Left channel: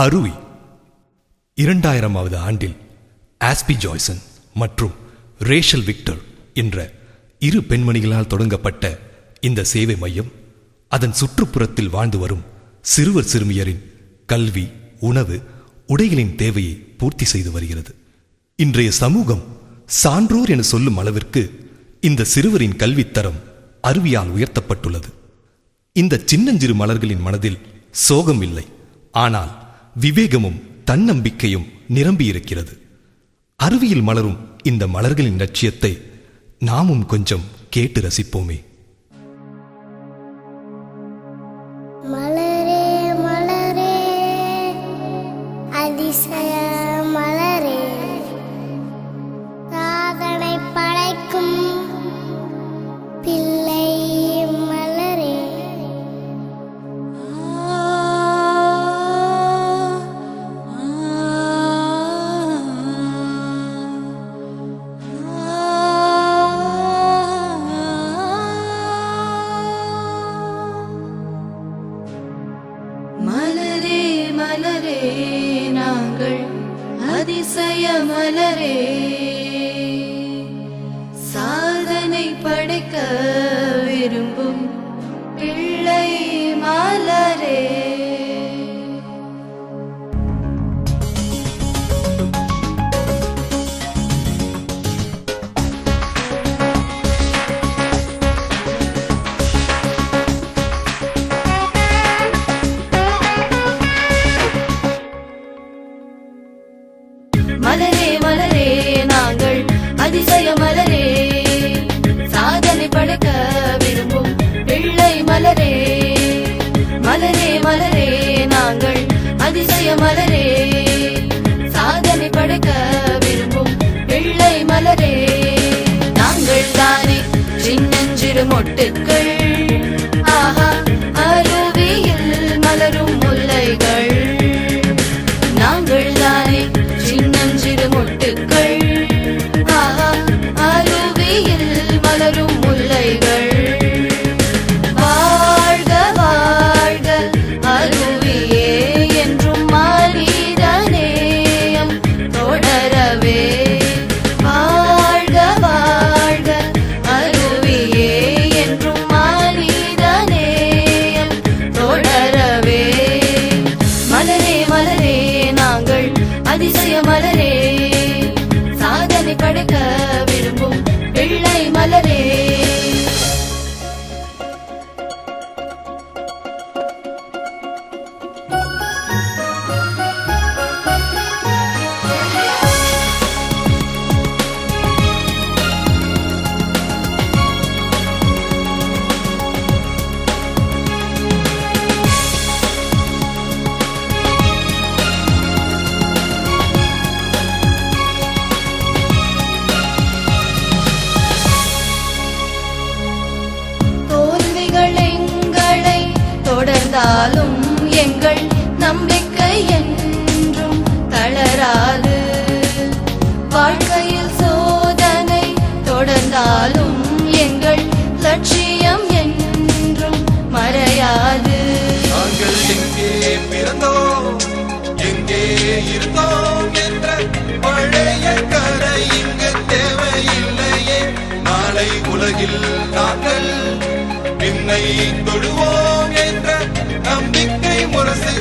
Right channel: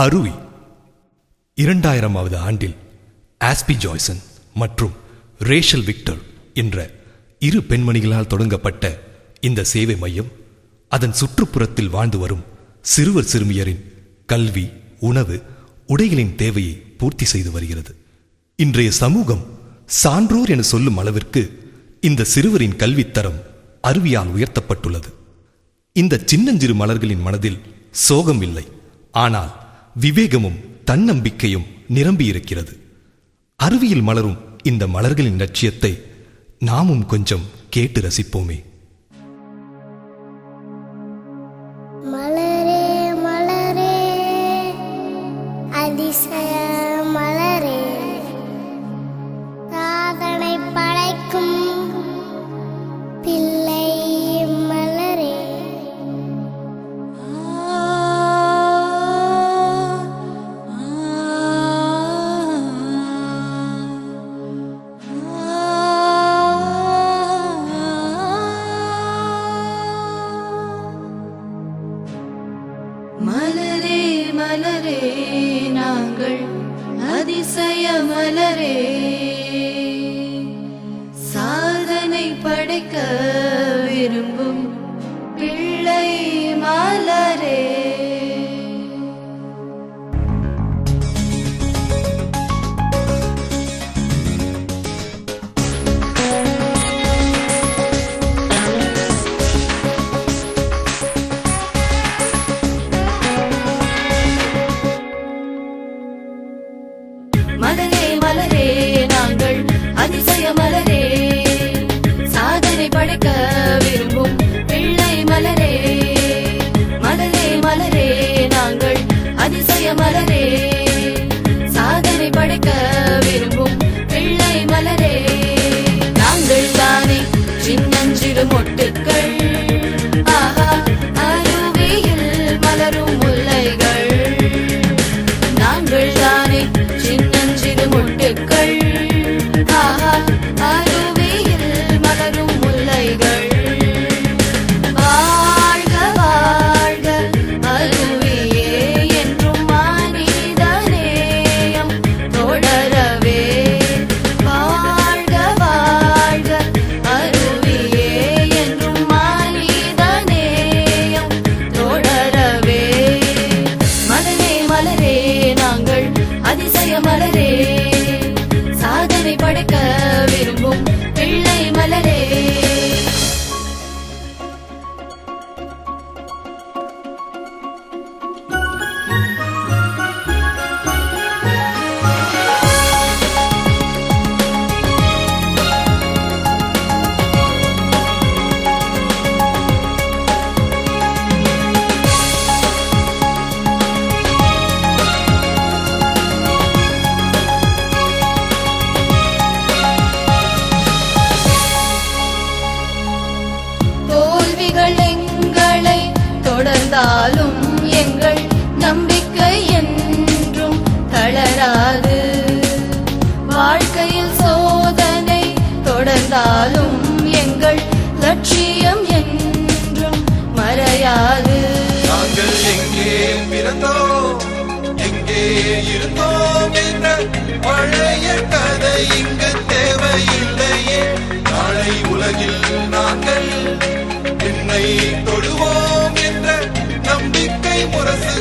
அருவி 2000வது ஆண்டில் ஆஸ்பி ஜாய்சன் மற்றும் ரேஷல் விக்டர் என்ற இரு பெண்மணிகளால் தொடங்கப்பட்ட இந்த சேவை மையம் அதன் சுற்றுப்புறத்தில் வாழ்ந்து வரும் சிறுவர் சிறுமியரின் கல்வி, உணவு, உடைகளின் தேவையை பூர்த்தி செய்து வருகிறது. இன்றைய சமூகம் சான்றோர் என சொல்லும் அளவிற்கு இந்த சிறுவரின் கல்வித்தரம் அருவியால் உயர்த்தப்பட்டுள்ளது. இந்த சின்னஞ்சிறு மலர்களின் மனதில் சோகம் இல்லை, ஆனால் விவேகமும் தன்னம்பிக்கையும் நிரம்பியிருக்கிறது. அருவியில் மலரும் இந்த மலர்களின் லட்சியத்தை நாமும் கொஞ்சம் கேட்டு ரசிப்போமே. மலரே மலரே அதிசய மலரே, சாதனை படைக்கும் பிள்ளை மலரே. மலரே மலரே நாங்கள் அதிசய மலரே, சாதனை படைக்க விரும்பும் பிள்ளை மலரே. மலரே மலரே நாங்கள் அதிசய மலரே, சாதனை படைக்க விரும்பும் பிள்ளை மலரே. மலரே மலரே நாங்கள் அதிசய மலரே, சாதனை படைக்க விரும்பும் பிள்ளை மலரே. நாங்கள் தானே சின்னஞ்சிறு மொட்டுக்கள், ஆஹா அருவியில் மலரும் முல்லைகள். நாங்கள் தானே சின்னஞ்சிறு மொட்டுக்கள், ஆஹா அருவியில் மலரும் முல்லைகள். வாழ்க வாழ்க அருவியே என்றும் மனிதநேயம் தொடரவே. வாழ்க வாழ்க அருவியே என்றும் மனிதநேயம் தொடரவே. மலரே மலரே நாங்கள் அதிசய மலரே, சாதனை படைக்க விரும்பும் பிள்ளை மலரே. தோல்விகள் எங்களை தொடர்ந்தாலும் எங்கள் நம்பிக்கை என்றும் தளராது. வாழ்க்கையில் சோதனை தொடர்ந்தாலும் எங்கள் லட்சியம் என்றும் மறையாது. நாங்கள் எங்கே பிறந்தோம், எங்கே இருந்தோம் என்ற பழைய கதை இங்கு தேவையில்லையே. நாளை உலகில் நாங்கள் விண்ணை தொடுவோம் என்ற நம்பிக்கை முரசு